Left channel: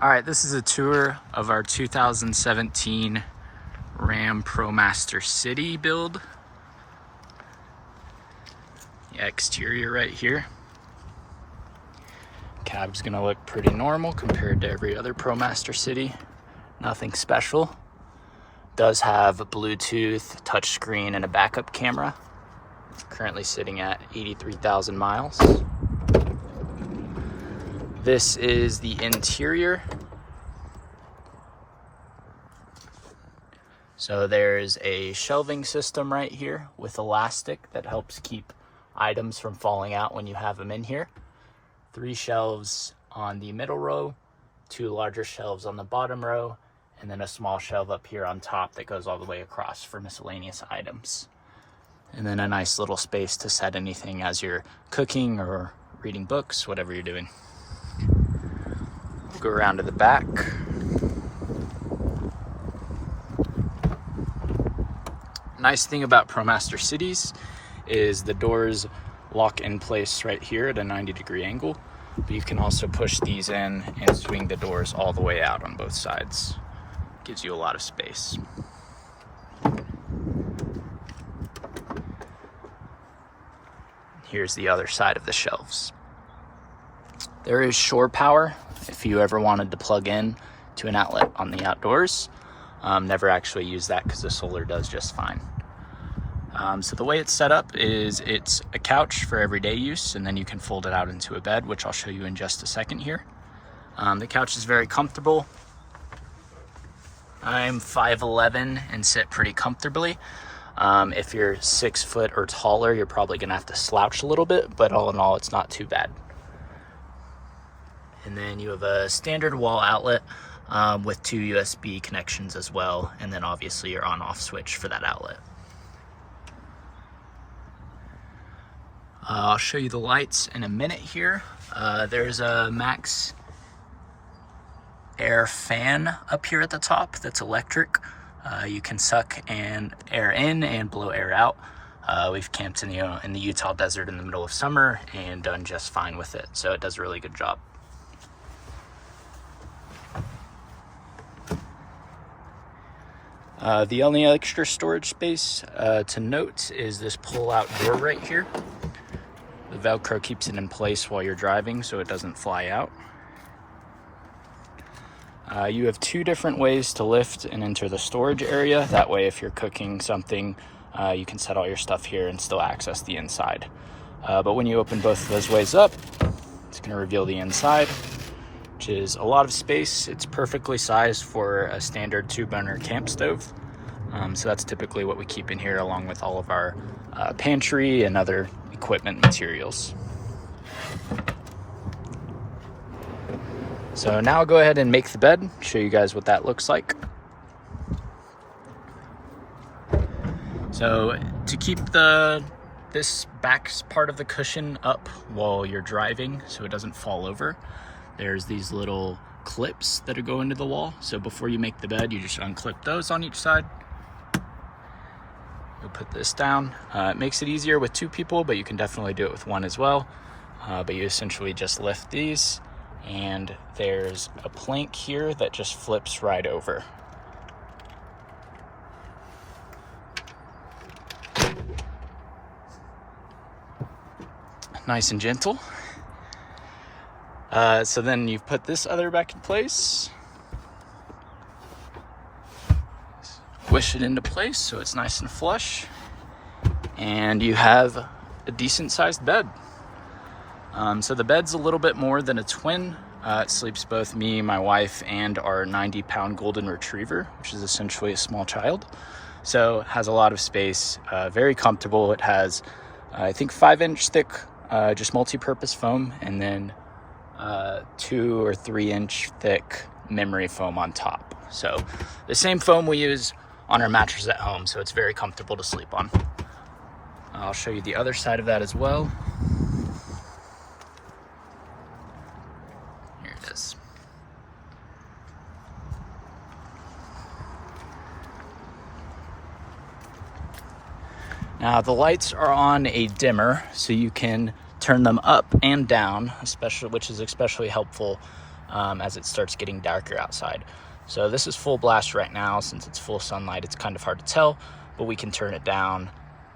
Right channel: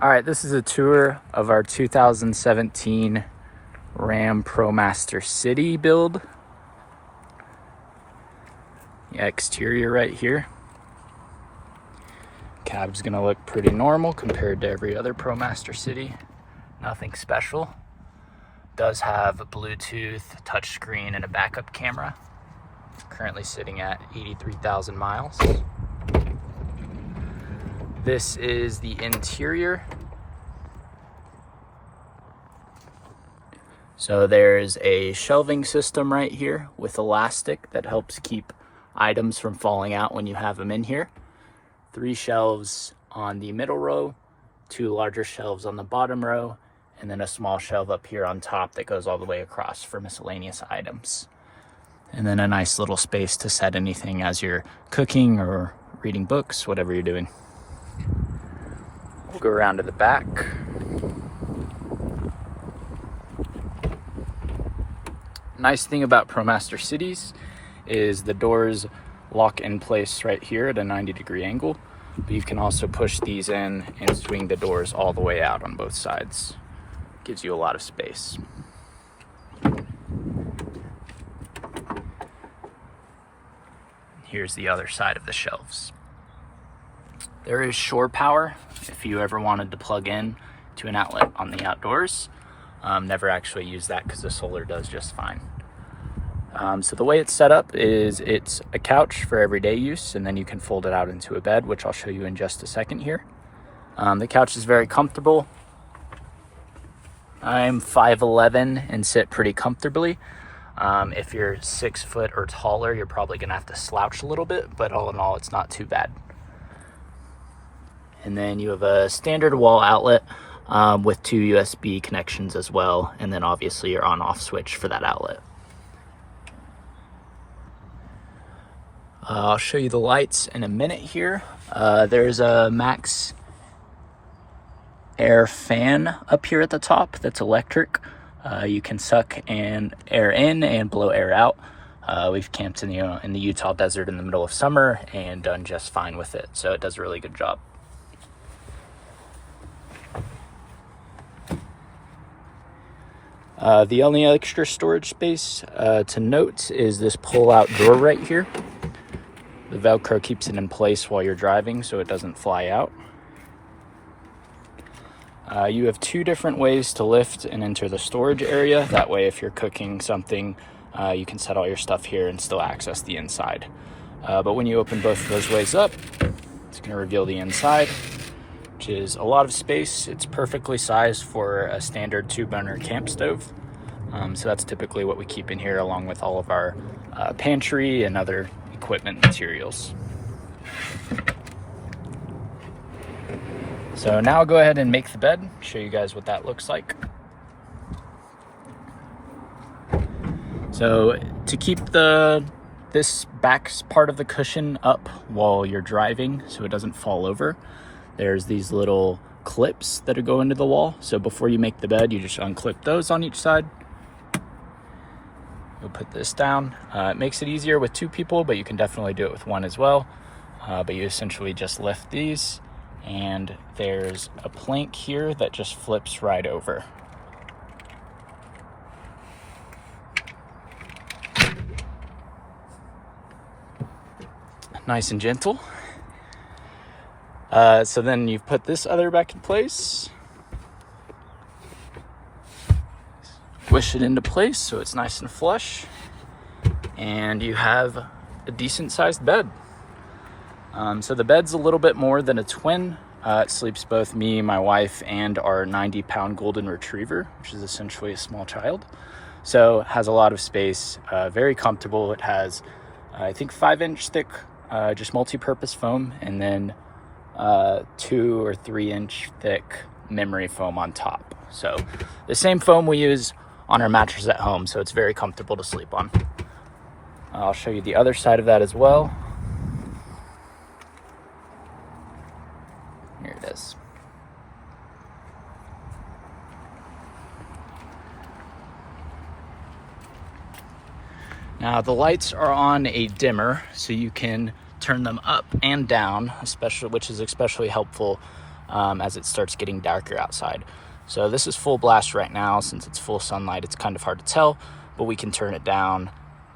All right, this is a tour of our 2017 Ram Promaster City build. The exterior right here. Cab's gonna look pretty normal compared to every other Promaster City. Nothing special. Does have a Bluetooth, touchscreen, and a backup camera. Currently sitting at 83,000 miles. This is the interior. So there's a shelving system right here with elastic that helps keep items from falling out when you have them in here. 3 shelves on the middle row, 2 larger shelves on the bottom row, and then a small shelf up here on top that goes all the way across for miscellaneous items. And then a nice little space to set anything as you're cooking or reading books, whatever you're doing. We'll go around to the back. Nice thing about Promaster Cities is the doors lock in place right here at a 90-degree angle, but you can also push these in and swing the doors all the way out on both sides. Gives you a lot of space. Here's the other side of the shelves. There is shore power if you ever wanted to plug in to an outlet on the outdoors. Never actually use that because the solar does just fine. So the way it's set up is it's a couch for everyday use, and then you can fold it out into a bed, which I'll show you in just a second here. The couch is very comfortable. I'm 5'11" and sit pretty comfortably. If you're 6 foot or taller, you're probably gonna have to slouch a little bit, but all in all, it's not too bad. And then you have a standard wall outlet with 2 USB connections as well, and then obviously your on-off switch for that outlet. I'll show you the lights in a minute here. There's a Max Air fan up here at the top that's electric. You can suck and air in and blow air out. We've camped in the Utah desert in the middle of summer and done just fine with it, so it does a really good job. The only extra storage space to note is this pull-out door right here. The Velcro keeps it in place while you're driving so it doesn't fly out. You have 2 different ways to lift and enter the storage area. That way, if you're cooking something, you can set all your stuff here and still access the inside. But when you open both of those ways up, it's going to reveal the inside, which is a lot of space. It's perfectly sized for a standard 2-burner camp stove. So that's typically what we keep in here, along with all of our pantry and other equipment materials. So now I'll go ahead and make the bed, show you guys what that looks like. So to keep this back part of the cushion up while you're driving so it doesn't fall over, there's these little clips that go into the wall. So before you make the bed, you just unclip those on each side. You'll put this down. It makes it easier with 2 people, but you can definitely do it with 1 as well. But you essentially just lift these, and there's a plank here that just flips right over. Nice and gentle. So then you've put this other back in place. Squish it into place so it's nice and flush, and you have a decent sized bed. So the bed's a little bit more than a twin. It sleeps both me, my wife, and our 90-pound golden retriever, which is essentially a small child. So it has a lot of space, very comfortable. It has, I think, 5-inch thick, just multi-purpose foam, and then 2 or 3-inch thick memory foam on top. So the same foam we use on our mattress at home, so it's very comfortable to sleep on. I'll show you the other side of that as well. Here it is. Now the lights are on a dimmer, so you can turn them up and down, which is especially helpful as it starts getting darker outside. So this is full blast right now. Since it's full sunlight, it's kind of hard to tell, but we can turn it down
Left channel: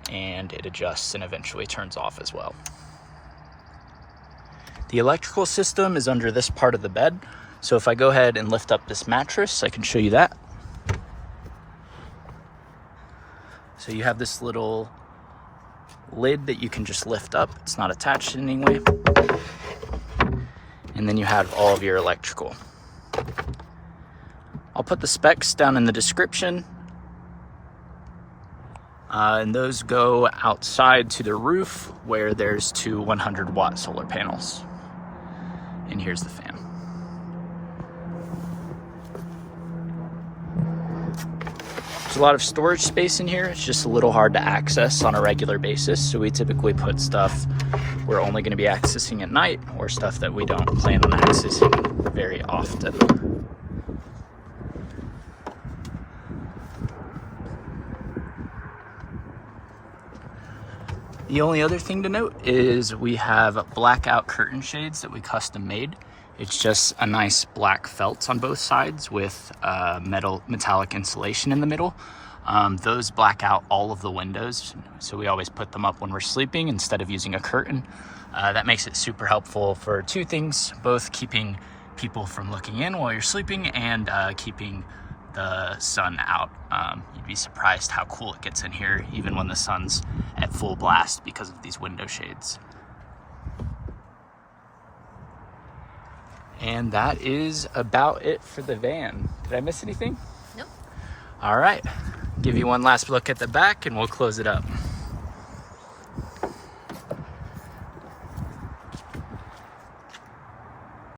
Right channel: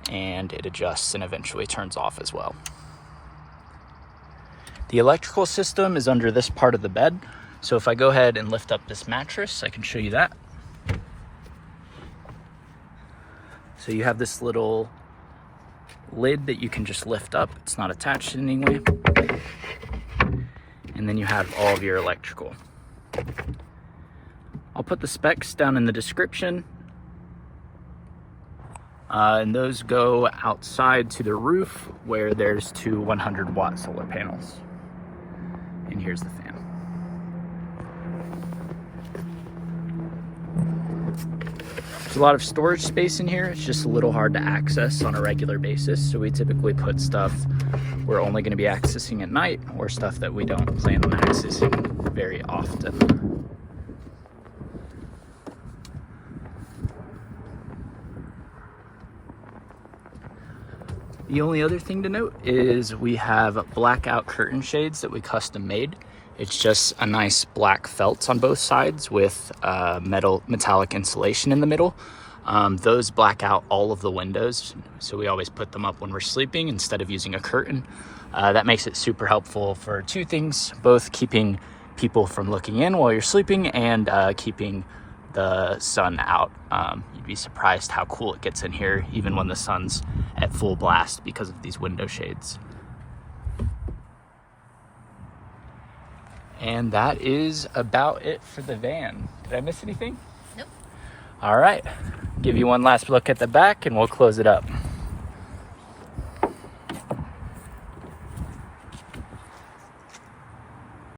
and it adjusts and eventually turns off as well. The electrical system is under this part of the bed. So if I go ahead and lift up this mattress, I can show you that. So you have this little lid that you can just lift up. It's not attached in any way. And then you have all of your electrical. I'll put the specs down in the description. And those go outside to the roof where there's 2 100-watt solar panels. And here's the fan. There's a lot of storage space in here. It's just a little hard to access on a regular basis. So we typically put stuff we're only going to be accessing at night, or stuff that we don't plan on accessing very often. The only other thing to note is we have blackout curtain shades that we custom made. It's just a nice black felt on both sides with metallic insulation in the middle. Those black out all of the windows, so we always put them up when we're sleeping instead of using a curtain. That makes it super helpful for 2 things, both keeping people from looking in while you're sleeping and keeping the sun out. You'd be surprised how cool it gets in here even when the sun's at full blast because of these window shades. And that is about it for the van. Did I miss anything? Nope. All right, give you one last look at the back and we'll close it up.